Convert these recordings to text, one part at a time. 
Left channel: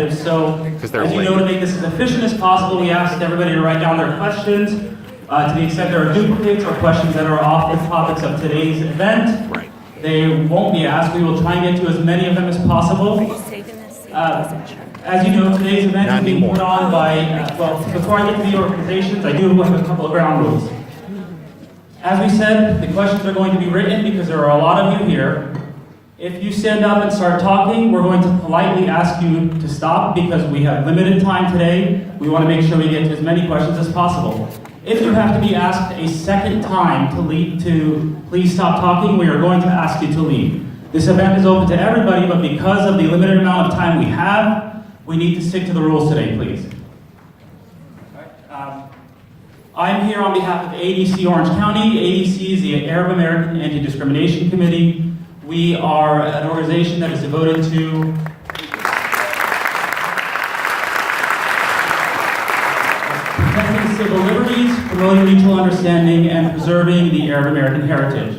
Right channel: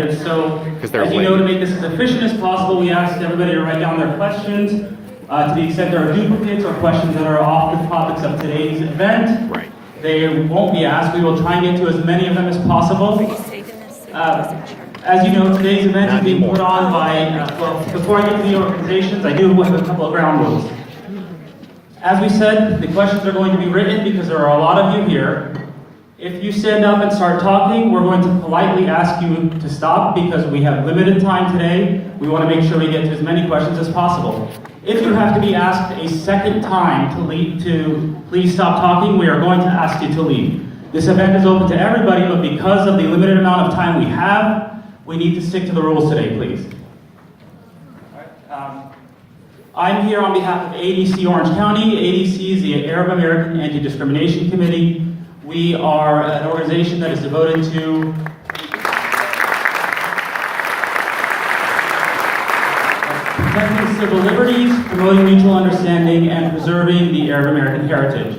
So, as you know, to make this as efficient as possible, we asked everybody to write down their questions. To the extent there are duplicates or questions that are off the topics of today's event, they won't be asked. We will try and get to as many of them as possible. As you know, today's event is being put on by, well, before I get to the organizations, I do have a couple of ground rules. As we said, the questions are going to be written because there are a lot of you here. If you stand up and start talking, we're going to politely ask you to stop because we have limited time today. We want to make sure we get to as many questions as possible. If you have to be asked a second time to please stop talking, we are going to ask you to leave. This event is open to everybody, but because of the limited amount of time we have, we need to stick to the rules today, please. I'm here on behalf of ADC Orange County. ADC is the Arab American Anti-Discrimination Committee. We are an organization that is devoted to protecting civil liberties, promoting mutual understanding, and preserving the Arab American heritage.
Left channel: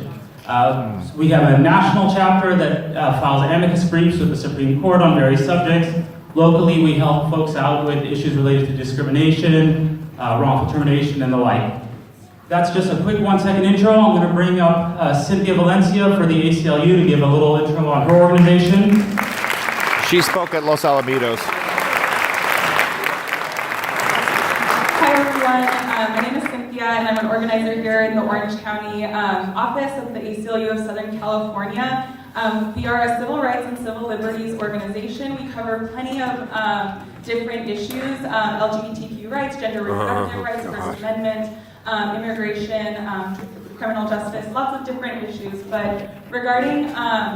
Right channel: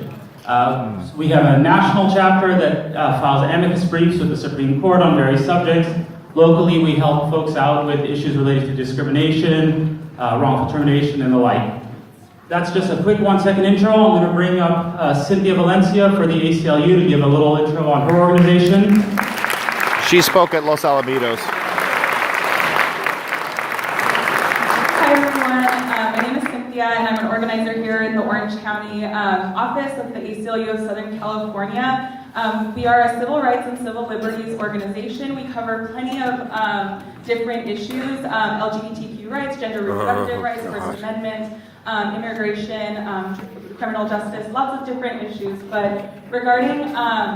We have a national chapter that files amicus briefs with the Supreme Court on various subjects. Locally, we help folks out with issues related to discrimination, wrongful termination, and the like. That's just a quick 1-second intro. I'm going to bring up Cynthia Valencia for the ACLU to give a little intro on her organization. She spoke at Los Alamitos. Hi everyone, my name is Cynthia and I'm an organizer here in the Orange County office of the ACLU of Southern California. We are a civil rights and civil liberties organization. We cover plenty of different issues, LGBTQ rights, gender reproductive rights, First Amendment, immigration, criminal justice, lots of different issues. But regarding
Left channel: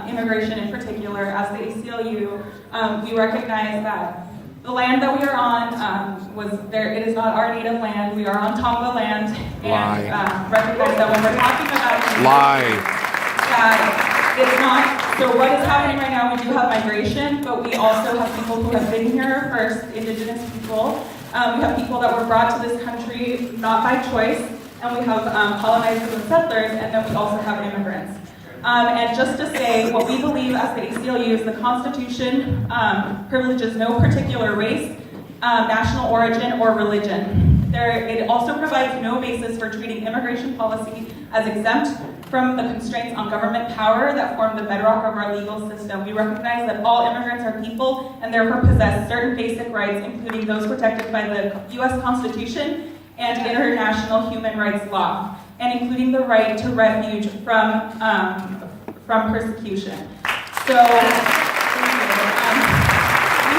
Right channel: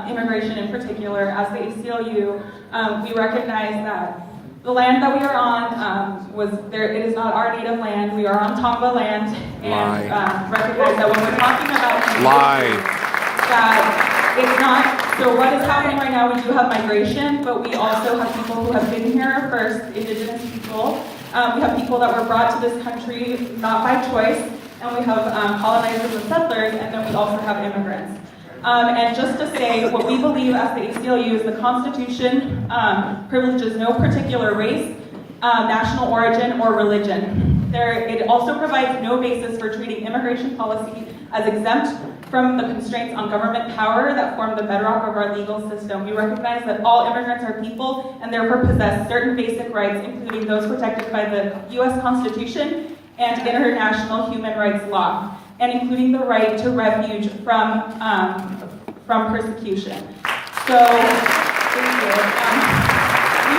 immigration in particular, as the ACLU, we recognize that the land that we are on it is not our native land. We are on Tonga land, and recognize that when we're talking about that it's not. So what is happening right now? We do have migration, but we also have people who have been here first, indigenous people. We have people that were brought to this country not by choice, and we have colonizers and settlers, and then we also have immigrants. And just to say, what we believe as the ACLU is the Constitution privileges no particular race, national origin, or religion. It also provides no basis for treating immigration policy as exempt from the constraints on government power that form the bedrock of our legal system. We recognize that all immigrants are people and therefore possess certain basic rights, including those protected by the U.S. Constitution and international human rights law, and including the right to refuge from persecution. So, we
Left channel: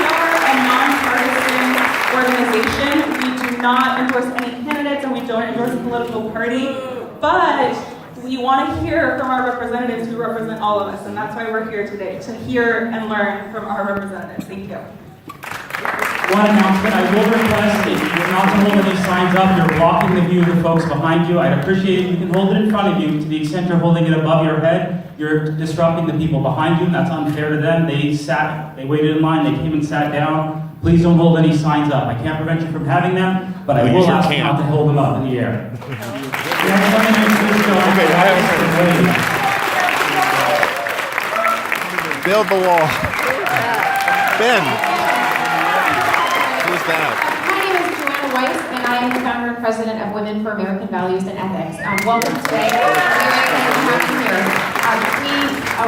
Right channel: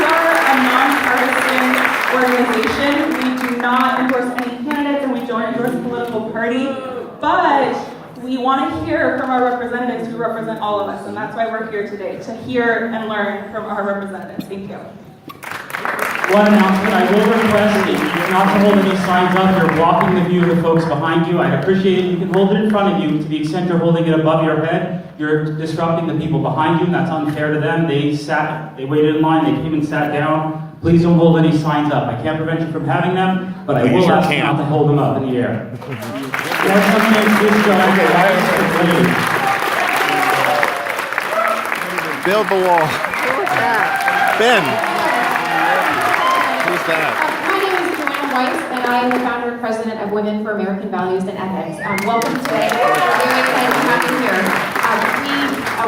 are a nonpartisan organization. We do not endorse any candidates and we don't endorse a political party, but we want to hear from our representatives who represent all of us, and that's why we're here today, to hear and learn from our representatives. Thank you. One announcement, I will request that you do not hold any signs up. You're blocking the view of the folks behind you. I'd appreciate it. You can hold it in front of you. To the extent you're holding it above your head, you're disrupting the people behind you, and that's unfair to them. They waited in line, they came and sat down. Please don't hold any signs up. I can't prevent you from having them, but I will ask you not to hold them up in the air. Build the wall. Ben. Who's that? My name is Joanna Weiss, and I am the founder and president of Women for American Values and Ethics. Welcome today. We're very excited to have you here.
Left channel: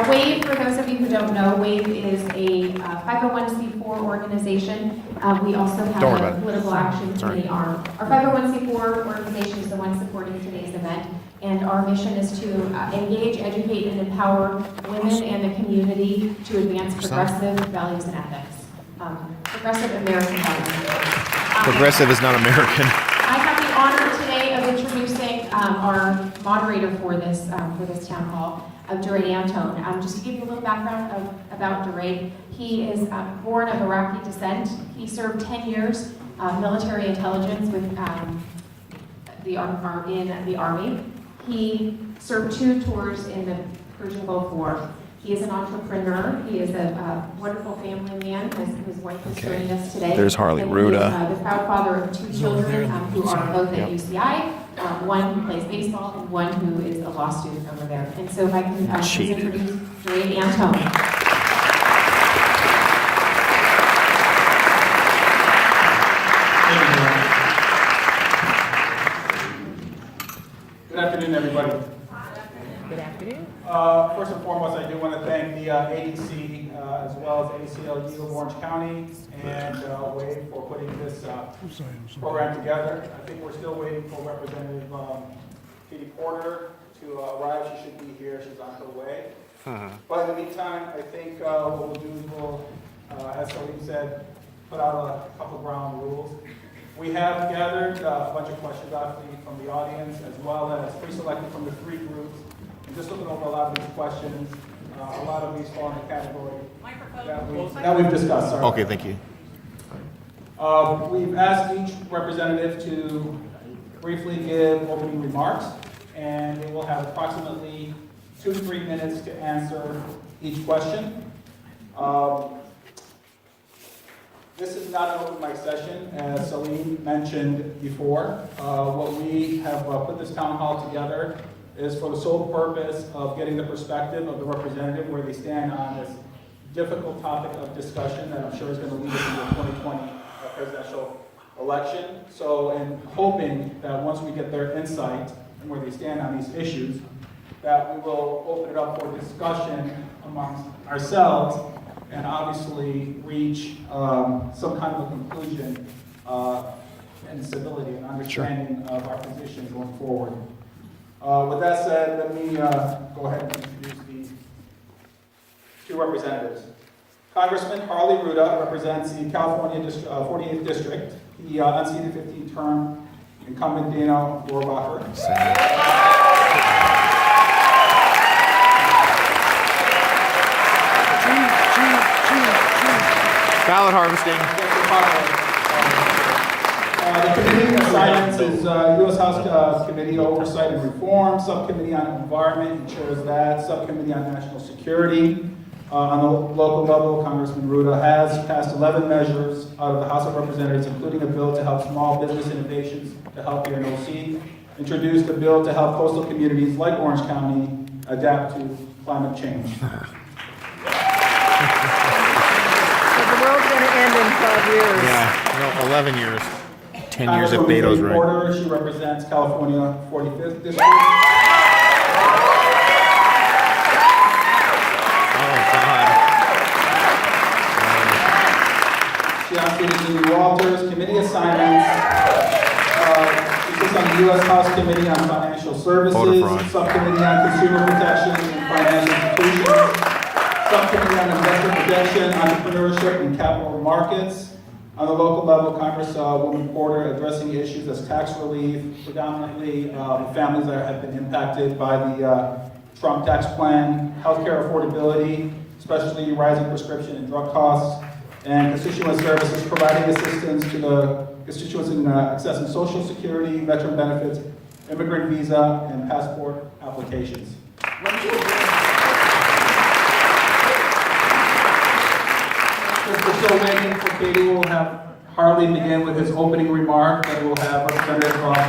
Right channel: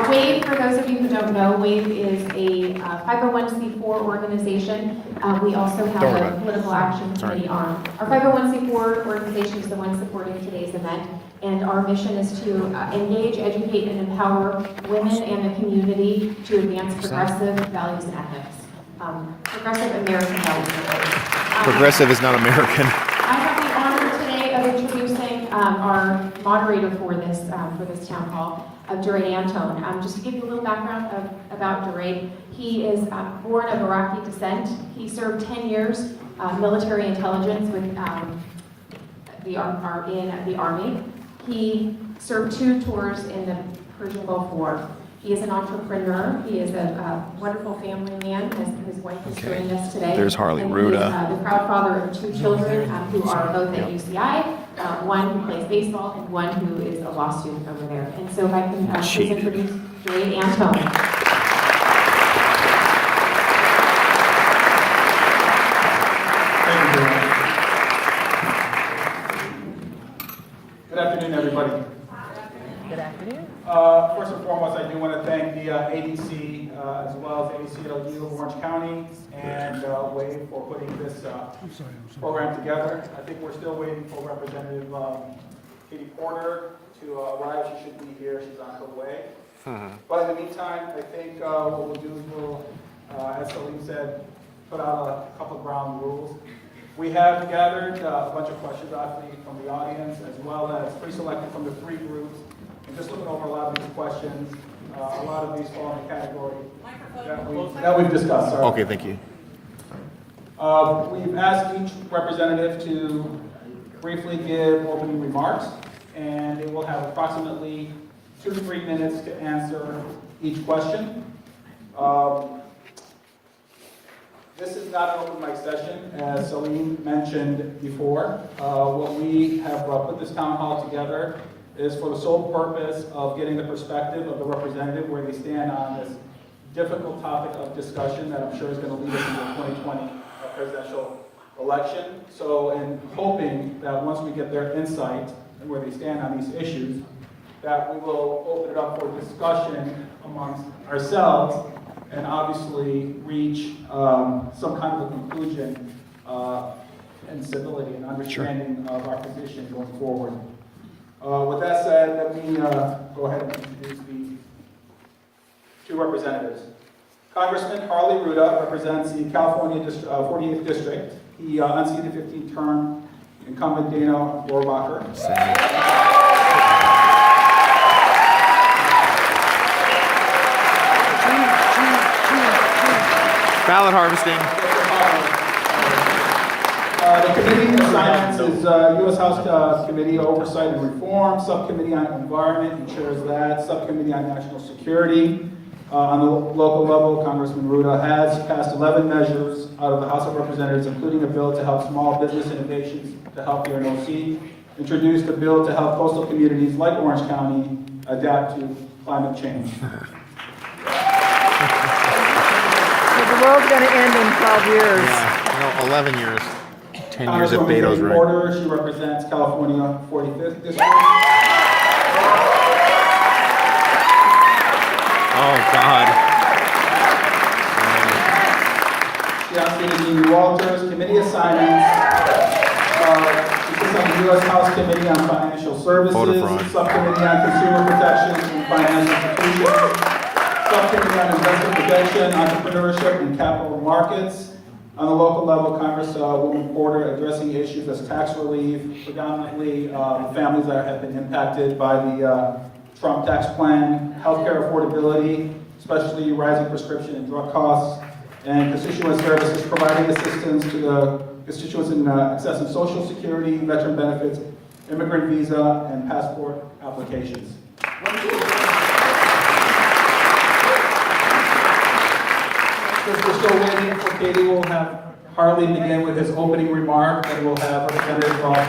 WAVE, for those of you who don't know, WAVE is a 501c4 organization. We also have a political action committee arm. Our 501c4 organization is the one supporting today's event, and our mission is to engage, educate, and empower women and the community to advance progressive values and ethics. Progressive American values. Progressive is not American. I have the honor today of introducing our moderator for this town hall, Durade Antone. Just to give you a little background about Durade, he is born of Iraqi descent. He served 10 years military intelligence with in the Army. He served 2 tours in the Persian Gulf War. He is an entrepreneur. He is a wonderful family man. His wife is joining us today. There's Harley Ruda. He is the proud father of 2 children who are both at UCI. One who plays baseball and one who is a law student over there. And so if I can please introduce Durade Antone. County and Wade for putting this program together. I think we're still waiting for Representative Katie Porter to arrive. She should be here. She's on her way. But in the meantime, I think what we'll do is we'll, as Salim said, put out a couple of ground rules. We have gathered a bunch of questions, obviously, from the audience, as well as pre-selected from the 3 groups. And just looking over a lot of these questions, a lot of these fall in the category that we've discussed. Sorry. Okay, thank you. We've asked each representative to briefly give opening remarks, and they will have approximately 2 to 3 minutes to answer each question. This is not an open mic session, as Salim mentioned before. What we have put this town hall together is for the sole purpose of getting the perspective of the representative where they stand on this difficult topic of discussion that I'm sure is going to lead us into the 2020 presidential election. So, in hoping that once we get their insight and where they stand on these issues, that we will open it up for discussion amongst ourselves and obviously reach some kind of a conclusion and civility and understanding of our position going forward. With that said, let me go ahead and introduce the 2 representatives. Congressman Harley Ruda represents the California 48th District. He unseated 15th-term incumbent Dana Rohrabacher. Ballot harvesting. The committee assignments is U.S. House Committee Oversight and Reform, Subcommittee on Environment, he chairs that, Subcommittee on National Security. On the local level, Congressman Ruda has passed 11 measures out of the House of Representatives, including a bill to help small business innovations to help here in OC, introduced a bill to help coastal communities like Orange County adapt to climate change. The world's going to end in 12 years. Yeah, no, 11 years. 10 years if Beto's right. Porter, she represents California 45th District. Oh, God. She unseated Amy Walters, committee assignments. She sits on the U.S. House Committee on Financial Services, Voter fraud. Subcommittee on Consumer Protection and Financial Institutions, Subcommittee on Investor Protection, Entrepreneurship and Capital Markets. On the local level, Congresswoman Porter addressing issues as tax relief, predominantly families that have been impacted by the Trump tax plan, healthcare affordability, especially rising prescription and drug costs, and constituent services, providing assistance to the constituents in accessing Social Security, veteran benefits, immigrant visa, and passport applications. Since we're still waiting for Katie, we'll have Harley begin with his opening remark, and we'll have Representative Porter